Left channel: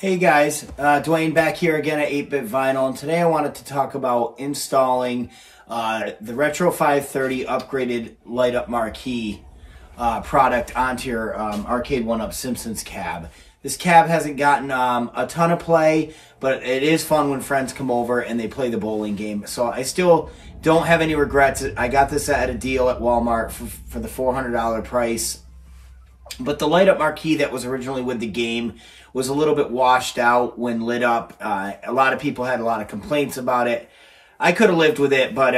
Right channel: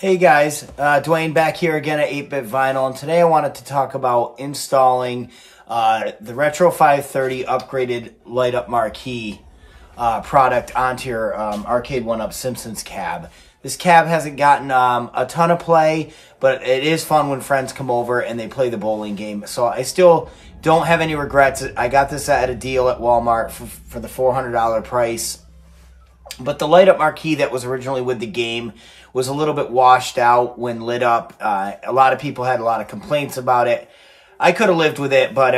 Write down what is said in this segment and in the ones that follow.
Hey guys, Dwayne back here again at 8-Bit Vinyl, and today I wanted to talk about installing the Retro530 upgraded light-up marquee product onto your arcade 1up Simpsons cab. This cab hasn't gotten a ton of play, but it is fun when friends come over and they play the bowling game. So I still don't have any regrets. I got this at a deal at Walmart for the $400 price. But the light-up marquee that was originally with the game was a little bit washed out when lit up. A lot of people had a lot of complaints about it. I could have lived with it, but,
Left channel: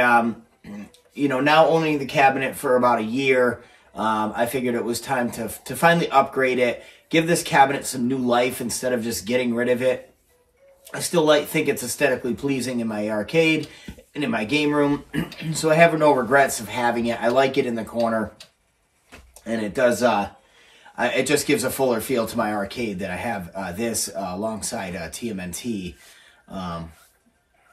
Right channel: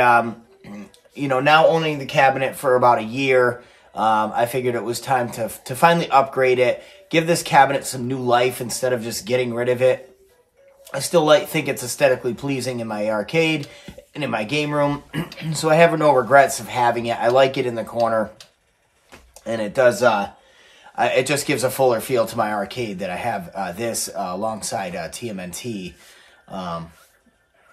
you know, now owning the cabinet for about a year, I figured it was time to finally upgrade it, give this cabinet some new life instead of just getting rid of it. I still think it's aesthetically pleasing in my arcade and in my game room, so I have no regrets of having it. I like it in the corner, and it does... it just gives a fuller feel to my arcade that I have this alongside TMNT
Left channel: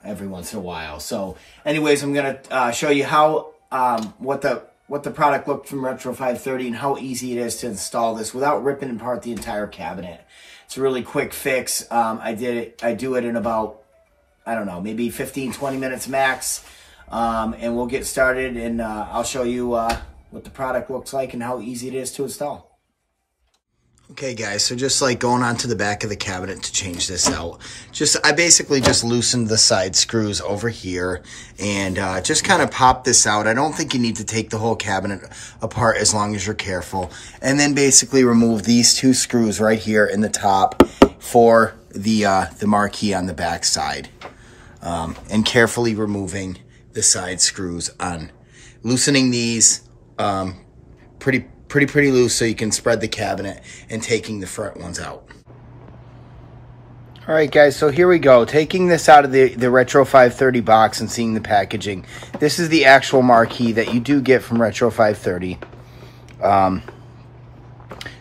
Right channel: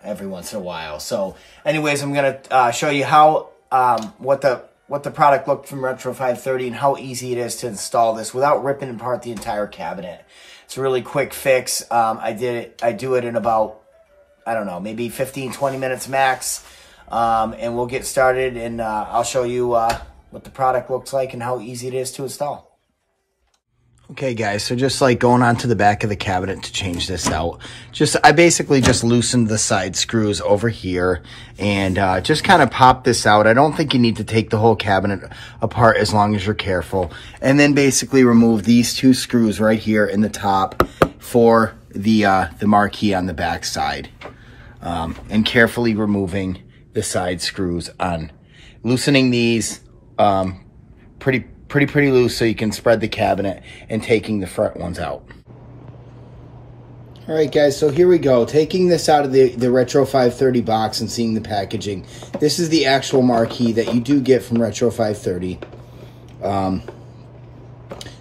every once in a while. So anyways, I'm going to show you how what the product looked from Retro530 and how easy it is to install this without ripping apart the entire cabinet. It's a really quick fix. I do it in about, I don't know, maybe 15-20 minutes max. And we'll get started, and I'll show you what the product looks like and how easy it is to install. Okay guys, so just like going onto the back of the cabinet to change this out, I basically just loosened the side screws over here and just kind of pop this out. I don't think you need to take the whole cabinet apart as long as you're careful. And then basically remove these two screws right here in the top for the marquee on the back side. And carefully removing the side screws on. Loosening these pretty loose so you can spread the cabinet, and taking the front ones out. All right, guys, so here we go. Taking this out of the Retro530 box and seeing the packaging. This is the actual marquee that you do get from Retro530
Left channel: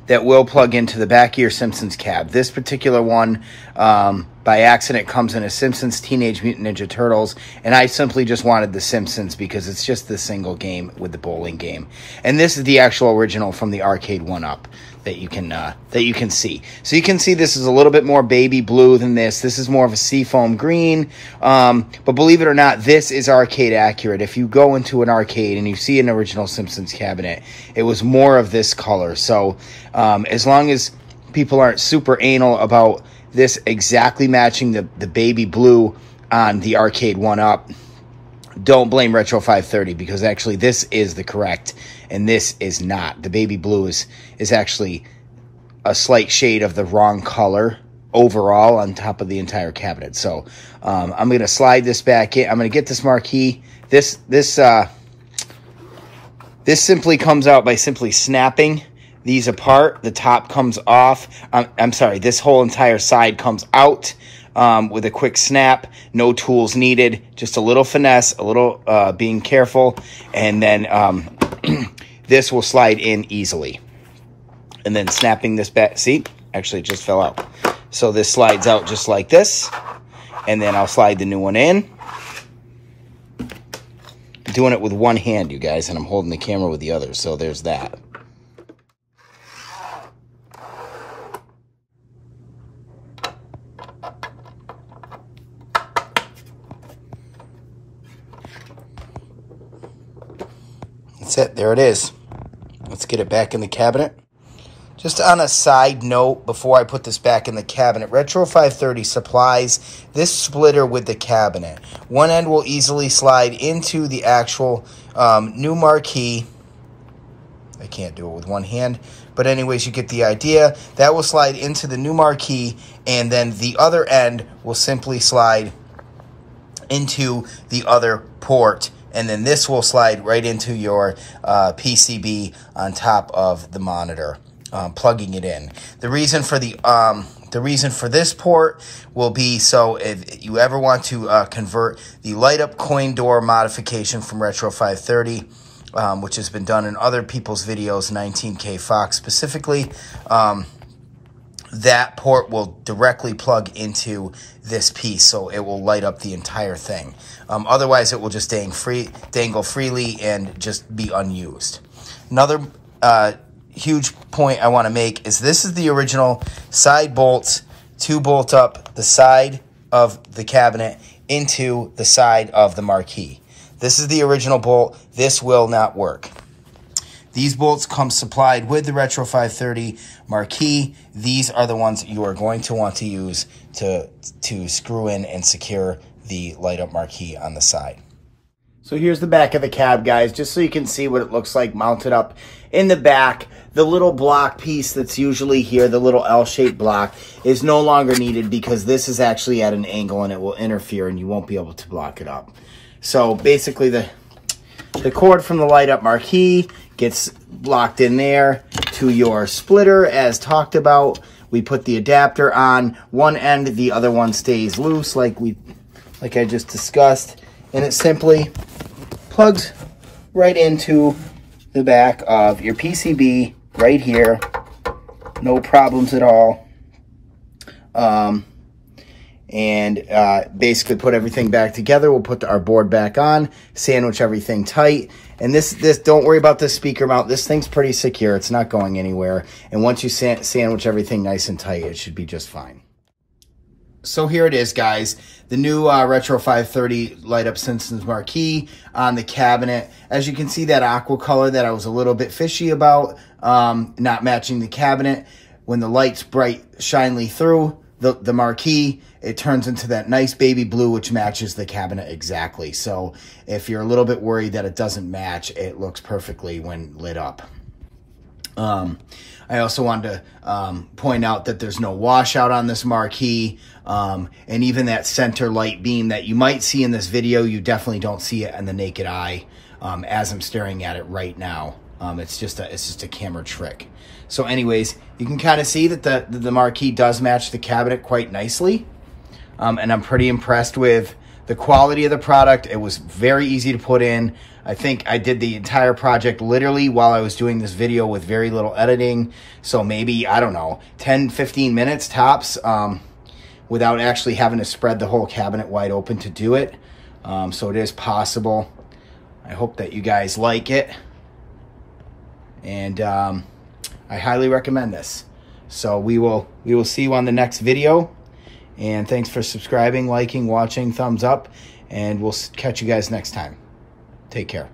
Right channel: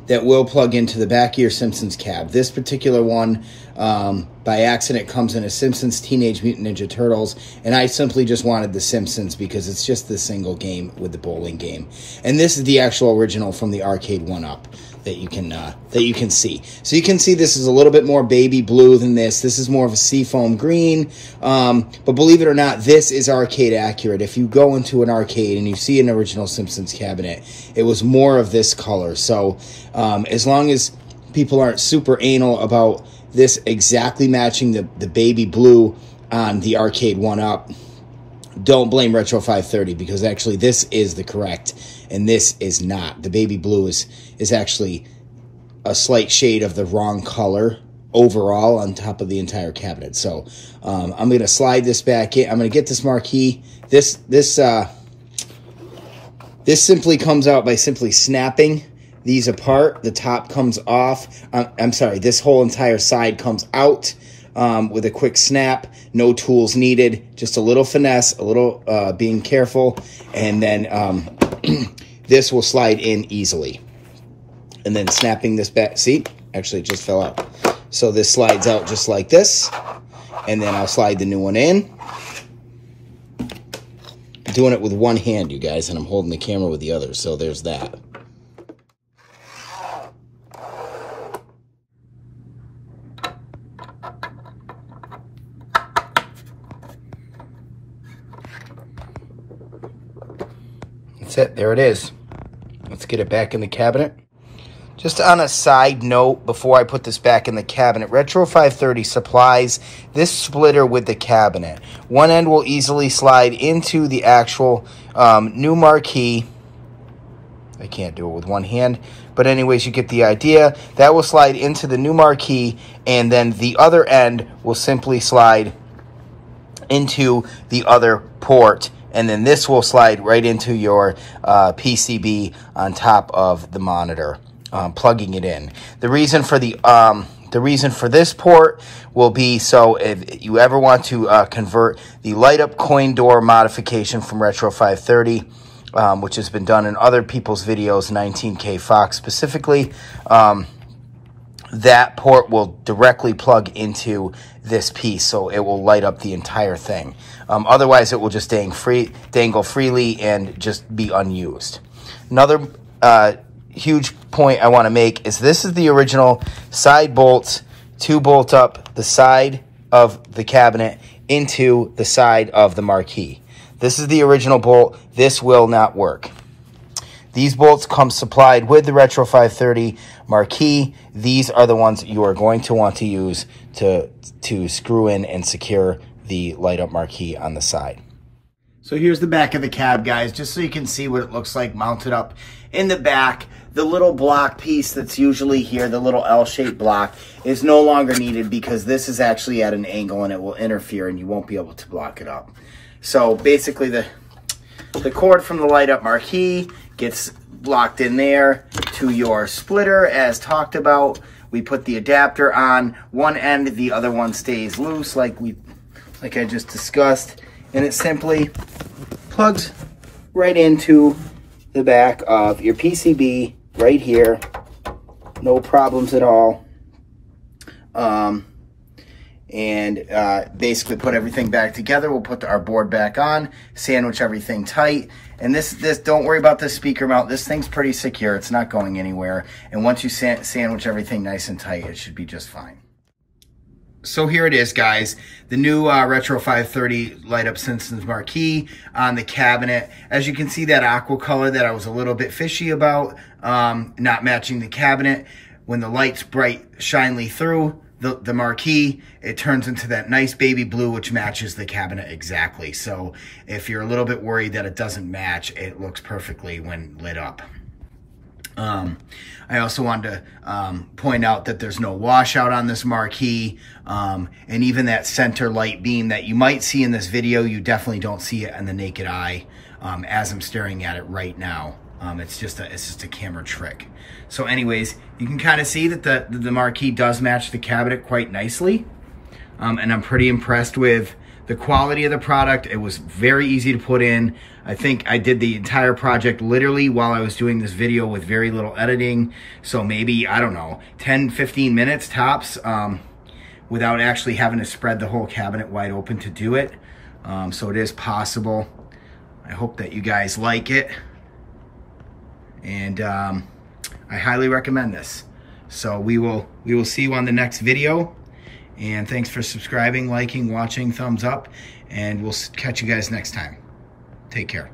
that will plug into the back of your Simpsons cab. This particular one, by accident, comes in a Simpsons Teenage Mutant Ninja Turtles, and I simply just wanted the Simpsons because it's just the single game with the bowling game. And this is the actual original from the arcade 1-up that you can see. So you can see this is a little bit more baby blue than this. This is more of a seafoam green. But believe it or not, this is arcade accurate. If you go into an arcade and you see an original Simpsons cabinet, it was more of this color. So as long as people aren't super anal about this exactly matching the baby blue on the arcade 1-up, don't blame Retro530, because actually this is the correct and this is not. The baby blue is actually a slight shade of the wrong color overall on top of the entire cabinet. So I'm going to slide this back in. I'm going to get this marquee. This simply comes out by simply snapping these apart. The top comes off. I'm sorry, this whole entire side comes out with a quick snap. No tools needed. Just a little finesse, a little being careful, and then this will slide in easily. And then snapping this back. See? Actually, it just fell out. So this slides out just like this. And then I'll slide the new one in. I'm doing it with one hand, you guys, and I'm holding the camera with the other. So there's that. That's it. There it is. Let's get it back in the cabinet. Just on a side note, before I put this back in the cabinet, Retro530 supplies this splitter with the cabinet. One end will easily slide into the actual new marquee. I can't do it with one hand, but anyways, you get the idea. That will slide into the new marquee, and then the other end will simply slide into the other port. And then this will slide right into your PCB on top of the monitor, plugging it in. The reason for this port will be so if you ever want to convert the light-up coin door modification from Retro530, which has been done in other people's videos, 19K Fox specifically, that port will directly plug into this piece, so it will light up the entire thing. Otherwise, it will just dangle freely and just be unused. Another huge point I want to make is this is the original side bolts to bolt up the side of the cabinet into the side of the marquee. This is the original bolt. This will not work. These bolts come supplied with the Retro530 Marquee. These are the ones you are going to want to use to screw in and secure the light up marquee on the side. So here's the back of the cab, guys, just so you can see what it looks like mounted up in the back. The little block piece that's usually here, the little L-shaped block, is no longer needed because this is actually at an angle and it will interfere and you won't be able to block it up. So basically the cord from the light up marquee gets locked in there to your splitter as talked about. We put the adapter on one end, the other one stays loose like I just discussed, and it simply plugs right into the back of your PCB right here. No problems at all. Basically put everything back together. We'll put our board back on, sandwich everything tight. And this don't worry about this speaker mount. This thing's pretty secure. It's not going anywhere. And once you sandwich everything nice and tight, it should be just fine. So here it is, guys. The new Retro530 Light Up Simpsons Marquee on the cabinet. As you can see, that aqua color that I was a little bit fishy about, not matching the cabinet. When the light's bright, shinely through the marquee, it turns into that nice baby blue, which matches the cabinet exactly. So if you're a little bit worried that it doesn't match, it looks perfectly when lit up. I also wanted to point out that there's no washout on this marquee. And even that center light beam that you might see in this video, you definitely don't see it in the naked eye as I'm staring at it right now. It's just a camera trick. So anyways, you can kind of see that the marquee does match the cabinet quite nicely. And I'm pretty impressed with the quality of the product. It was very easy to put in. I think I did the entire project literally while I was doing this video with very little editing. So maybe, I don't know, 10, 15 minutes tops without actually having to spread the whole cabinet wide open to do it. So it is possible. I hope that you guys like it. And I highly recommend this. So we will see you on the next video. And thanks for subscribing, liking, watching, thumbs up, and we'll catch you guys next time. Take care.